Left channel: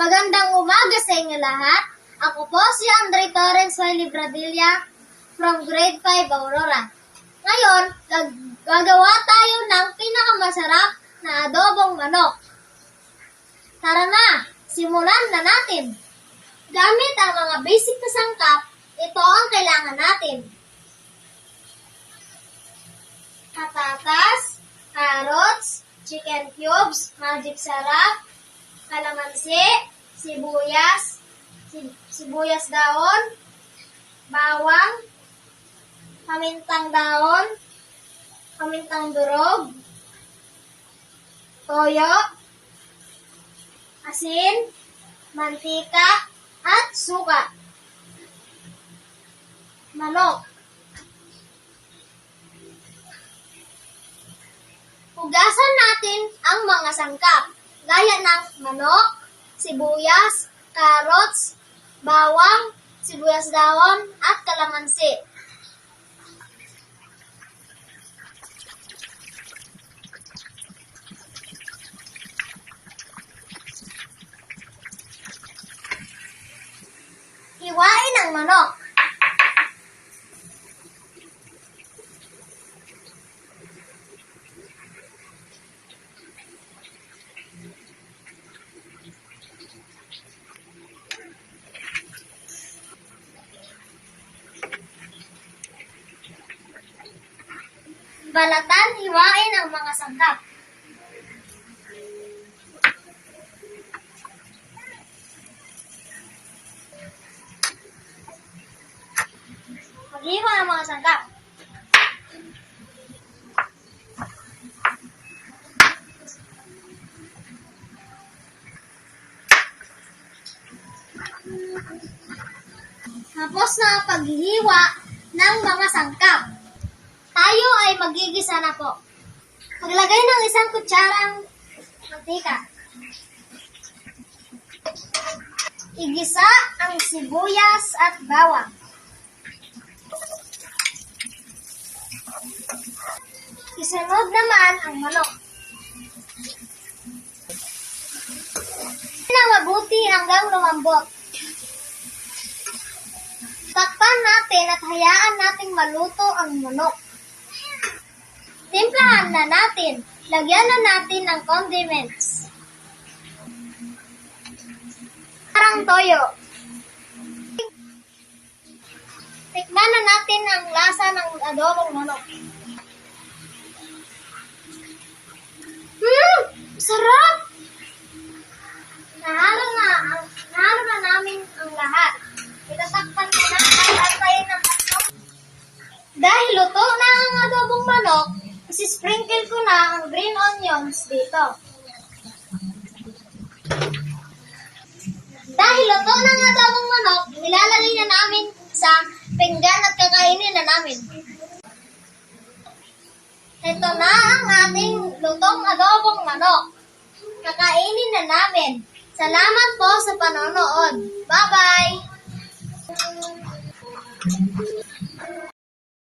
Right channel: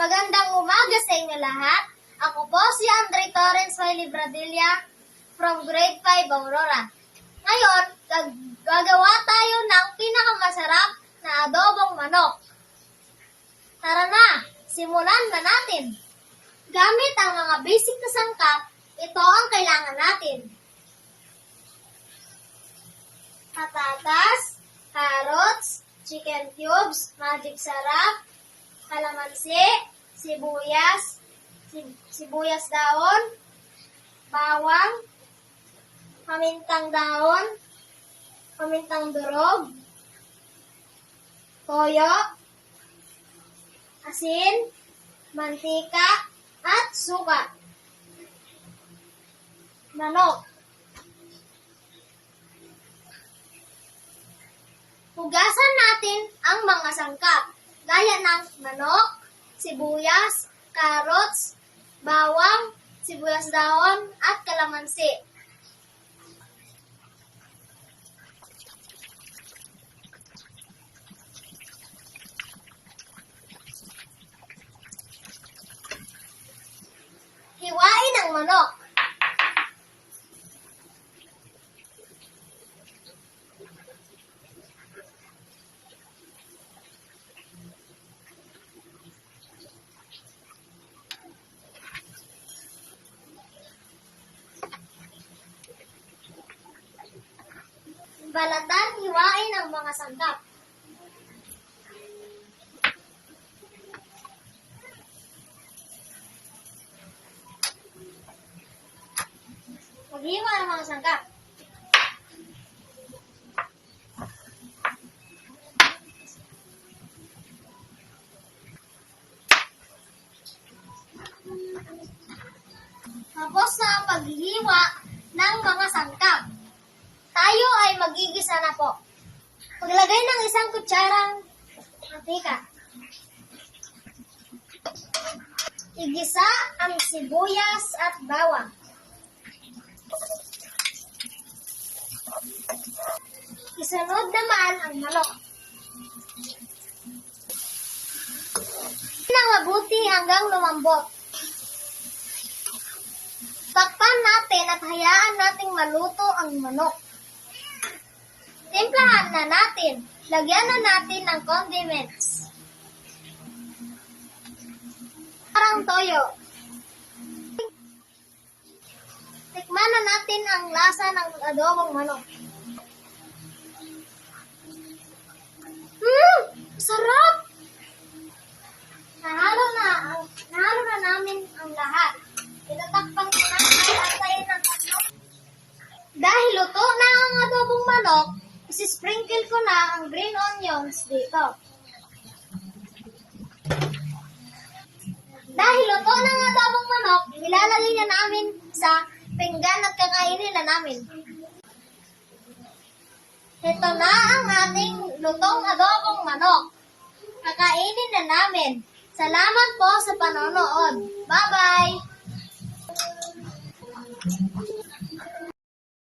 Magandang umaga sa inyo lahat. Ako po si Andre Torres Wiley Bradilla from Grade 5 Aurora. Ngayon, gagawa tayo ng pinakamasarap na adobong manok. Tara na, simulan na natin. Gamit ang mga basic na sangkap, ito ang kailangan natin. Patatas, carrots, chicken cubes, magic sarap, kalamansi, sibuyas daon, bawang, pamintang daon, pamintang durog, toyo, asin, mantika, at suka. Manok. Hugasan natin ang mga sangkap, gaya ng manok, sibuyas, carrots, bawang, sibuyas daon, at kalamansi. Hiwain ang manok. Balatan, hiwain ang mga sangkap. Maghiwa ang mga sangkap. Tapos na ang paghihiwa ng mga sangkap. Tayo ay magigisa na po. Paglagay ng isang kutsarang mantika. Igisa ang sibuyas at bawang. Isunod naman ang manok. Nang mabuti hanggang lumambot. Takpan natin at hayaan nating maluto ang manok. Timplahan na natin. Lagyan na natin ng condiments. Parang toyo. Tikman na natin ang lasa ng adobong manok. Sarap! Nahalo na namin ang lahat. Itatakpan na natin at tayo ng tatlo. Dahil luto na ang adobong manok, sprinkle ko na ang green onions dito. Dahil luto na ang adobong manok, ilalagay na namin sa pinggan at kakainin na namin. Ito na ang ating lutong adobong manok. Kakainin na namin. Salamat po sa panonood. Bye-bye!